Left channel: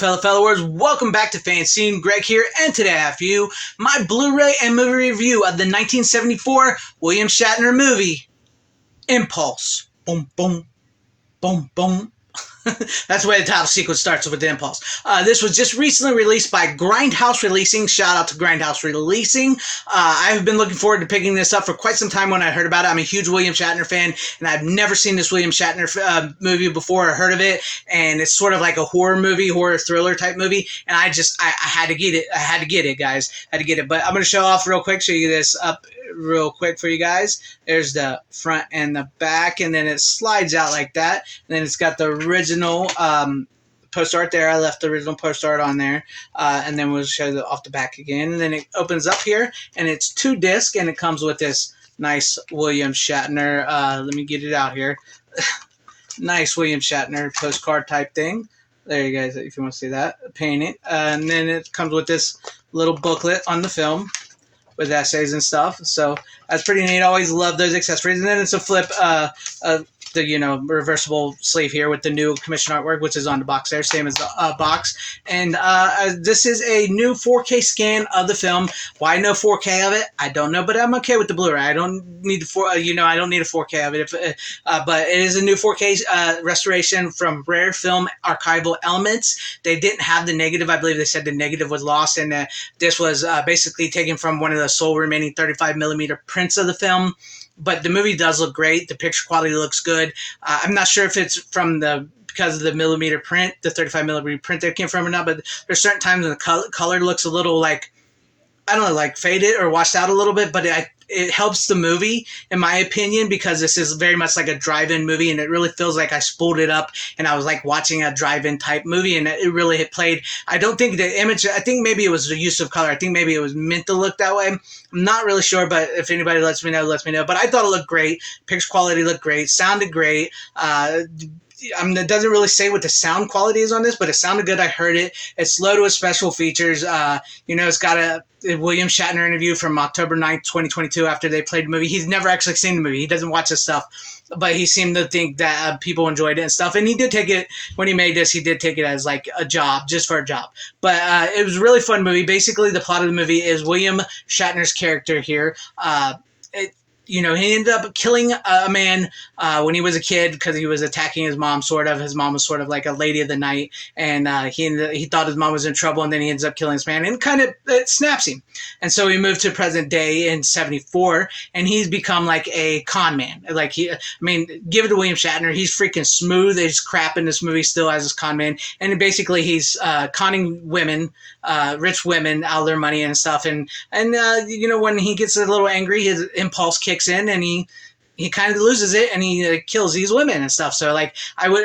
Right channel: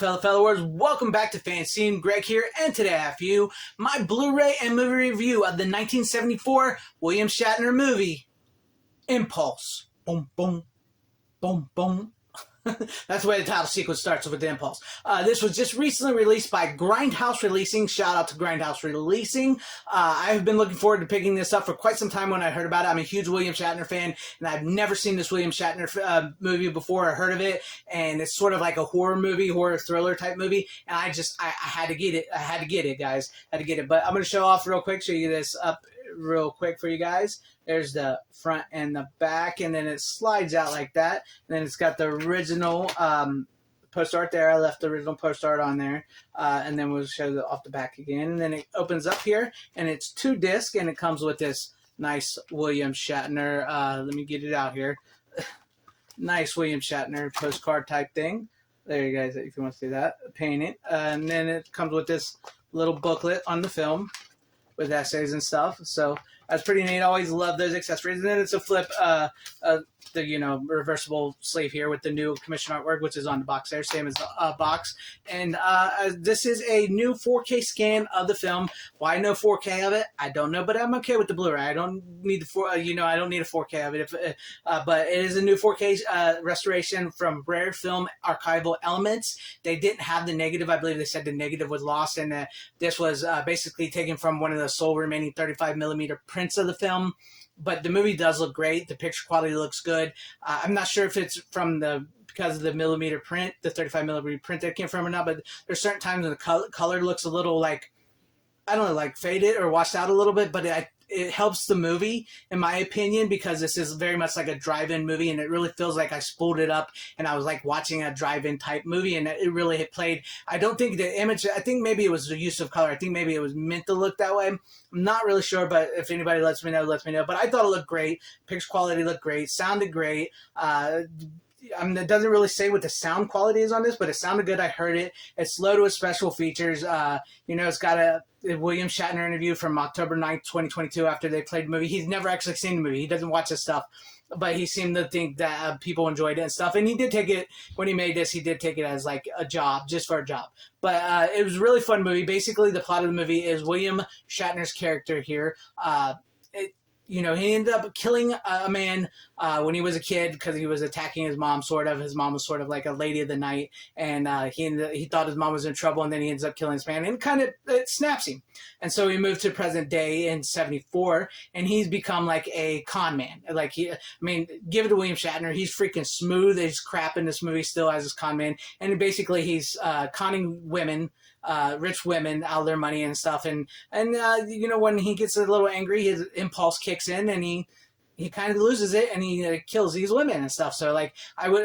fellows, welcome back to FanZcene. Greg here, and today I have for you my Blu-ray and movie review of the 1974 William Shatner movie, Impulse. Boom, boom, boom, boom. That's the way the title sequence starts with the Impulse. This was just recently released by Grindhouse Releasing. Shout out to Grindhouse Releasing. I've been looking forward to picking this up for quite some time when I heard about it. I'm a huge William Shatner fan, and I've never seen this William Shatner movie before or heard of it. And it's sort of like a horror movie, horror thriller type movie. And I had to get it. I had to get it, guys. I had to get it. But I'm going to show off real quick, show you this up real quick for you guys. There's the front and the back, and then it slides out like that, and then it's got the original post art there. I left the original post art on there, and then we'll show it off the back again, and then it opens up here, and it's 2 discs, and it comes with this nice William Shatner, let me get it out here, nice William Shatner postcard type thing. There you guys, if you want to see that, painting, and then it comes with this little booklet on the film with essays and stuff, so that's pretty neat. I always love those accessories. And then it's a flip, the reversible sleeve here with the new commission artwork, which is on the box there, same as the box. And this is a new 4K scan of the film. Why no 4K of it? I don't know, but I'm okay with the Blu-ray. I don't need I don't need a 4K of it. But it is a new 4K restoration from Rare Film Archival Elements. They didn't have the negative. I believe they said the negative was lost, and this was basically taken from one of the sole remaining 35mm prints of the film. But the movie does look great. The picture quality looks good. I'm not sure if it's from because of the millimeter print, the 35mm print that it came from or not, but there's certain times when the color looks a little like, I don't know, like faded or washed out a little bit, but it helps the movie, in my opinion, because this is very much like a drive-in movie, and it really feels like I spooled it up and I was like watching a drive-in type movie, and it really hit played. I don't think the image, I think maybe it was the use of color. I think maybe it was meant to look that way. I'm not really sure, but if anybody lets me know, let me know. But I thought it looked great. Picture quality looked great. Sounded great. It doesn't really say what the sound quality is on this, but it sounded good. I heard it. It's loaded with special features. It's got a William Shatner interview from October 9th, 2022 after they played the movie. He's never actually seen the movie. He doesn't watch this stuff, but he seemed to think that people enjoyed it and stuff. And he did take it, when he made this, he did take it as like a job, just for a job. But it was a really fun movie. Basically, the plot of the movie is William Shatner's character here. He ended up killing a man when he was a kid because he was attacking his mom, sort of. His mom was sort of like a lady of the night, and he thought his mom was in trouble, and then he ends up killing this man, and it snaps him. And so he moved to present day in 74, and he's become like a con man. Like give it to William Shatner. He's freaking smooth as crap in this movie still as his con man, and basically he's conning women, rich women, out of their money and stuff. And when he gets a little angry, his impulse kicks in, and he kind of loses it, and he kills these women and stuff. So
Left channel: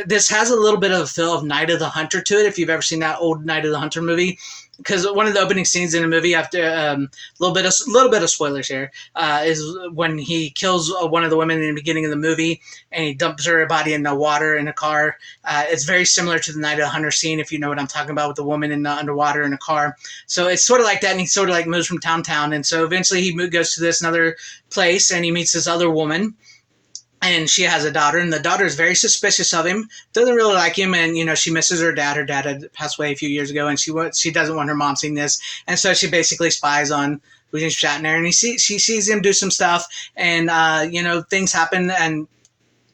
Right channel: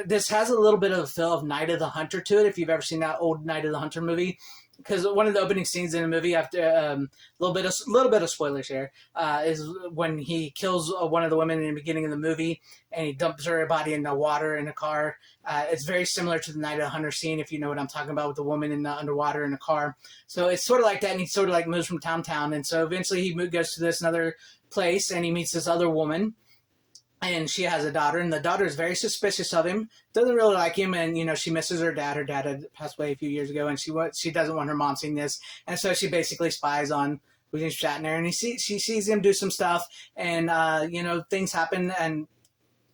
this has a little bit of a feel of Night of the Hunter to it, if you've ever seen that old Night of the Hunter movie. Because one of the opening scenes in the movie, after a little bit of spoilers here, is when he kills one of the women in the beginning of the movie, and he dumps her body in the water in a car. It's very similar to the Night of the Hunter scene, if you know what I'm talking about, with the woman in the underwater in a car. So it's sort of like that, and he sort of like moves from town to town, and so eventually he goes to this another place, and he meets this other woman. And she has a daughter, and the daughter is very suspicious of him, doesn't really like him, and, she misses her dad. Her dad had passed away a few years ago, and she doesn't want her mom seeing this. And so she basically spies on William Shatner, and she sees him do some stuff, and, things happen, and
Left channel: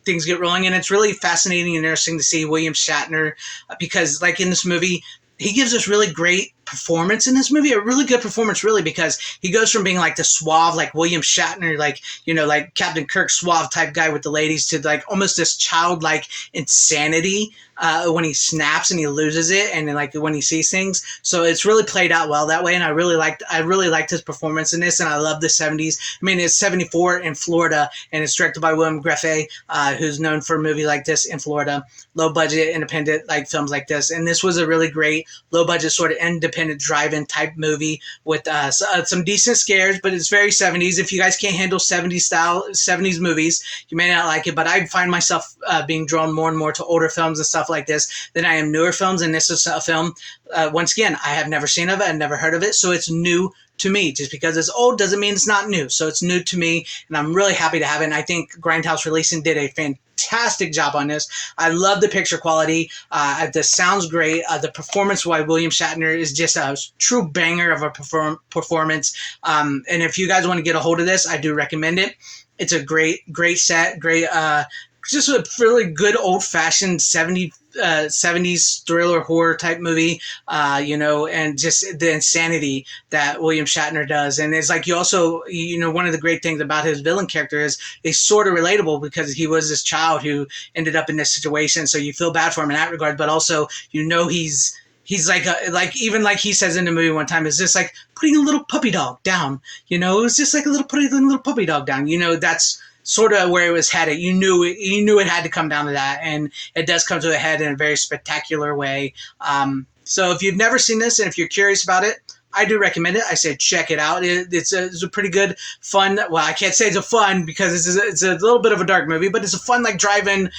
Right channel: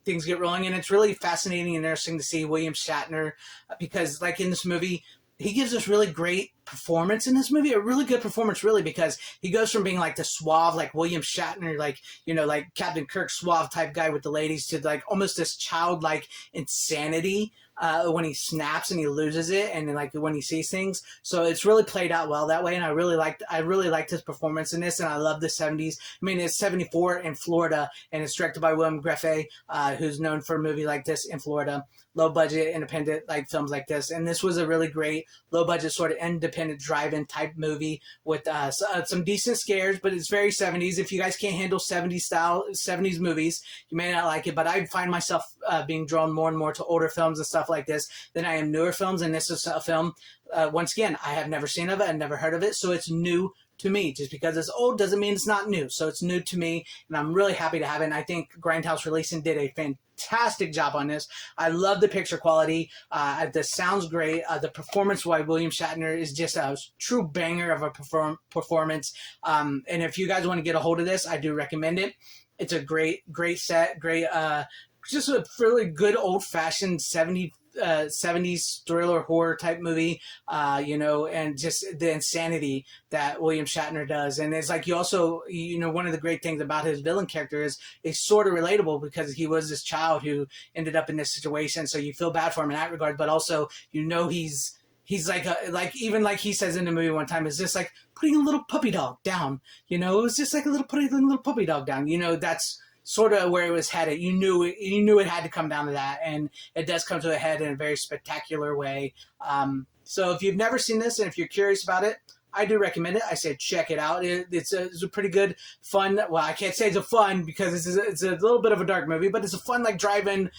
things get rolling. And it's really fascinating and interesting to see William Shatner, because, like, in this movie, he gives us really great performance in this movie, a really good performance, really, because he goes from being like the suave, like William Shatner, like Captain Kirk suave type guy with the ladies, to like almost this childlike insanity when he snaps and he loses it, and then like when he sees things. So it's really played out well that way, and I really liked his performance in this, and I love the 70s. It's 74 in Florida, and it's directed by William Grefé, who's known for a movie like this in Florida, low budget independent like films like this. And this was a really great low budget sort of independent drive-in type movie with some decent scares, but it's very 70s. If you guys can't handle 70s movies, you may not like it, but I find myself being drawn more and more to older films and stuff like this than I am newer films, and this is a film, once again, I have never seen of it, I've never heard of it, so it's new to me. Just because it's old doesn't mean it's not new. So it's new to me, and I'm really happy to have it. And I think Grindhouse Releasing did a fantastic job on this. I love the picture quality. The sound's great. The performance by William Shatner is just a true banger of a performance. And if you guys want to get a hold of this, I do recommend it. It's a great set, great, just a really good old-fashioned 70s thriller horror type movie, and just the insanity that William Shatner does. And it's like, you also, one of the great things about his villain character is he's sort of relatable, because he was this child who ended up in this situation. So you feel bad for him in that regard, but also, he's like even like he says in the movie one time, it's just like putting a little puppy dog down. It's just like putting a little puppy dog down. That's sort of where it was headed. You knew it had to come down to that, and it does come to a head in a very spectacular way. So if you've never seen this, and if you're curious about it, I do recommend it. I say check it out. It's a pretty good, fun. Well, I can't say it's a fun, because it's a little bit of a dark movie, but it's a fun, like, drive-in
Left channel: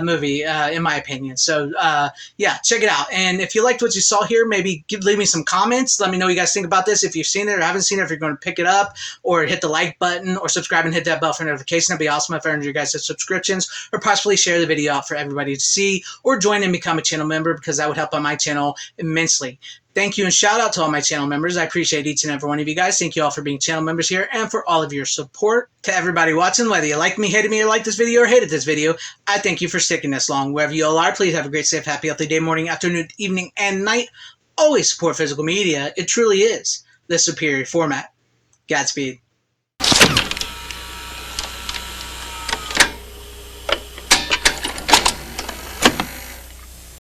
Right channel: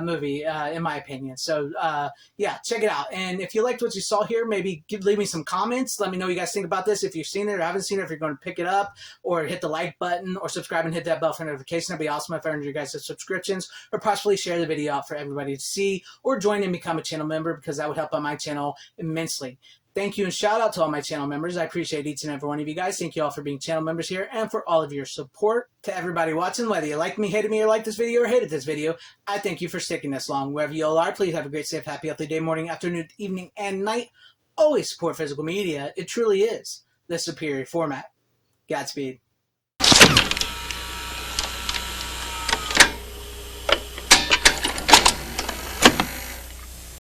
movie, in my opinion. So yeah, check it out. And if you liked what you saw here, maybe leave me some comments. Let me know what you guys think about this. If you've seen it or haven't seen it, if you're going to pick it up, or hit the like button, or subscribe and hit that bell for notification. That'd be awesome if I earned you guys subscriptions, or possibly share the video out for everybody to see, or join and become a channel member, because that would help on my channel immensely. Thank you, and shout out to all my channel members. I appreciate each and every one of you guys. Thank you all for being channel members here, and for all of your support. To everybody watching, whether you like me, hated me, or liked this video, or hated this video, I thank you for sticking this long. Wherever you all are, please have a great, safe, happy, healthy day, morning, afternoon, evening, and night. Always support physical media. It truly is the superior format. Godspeed.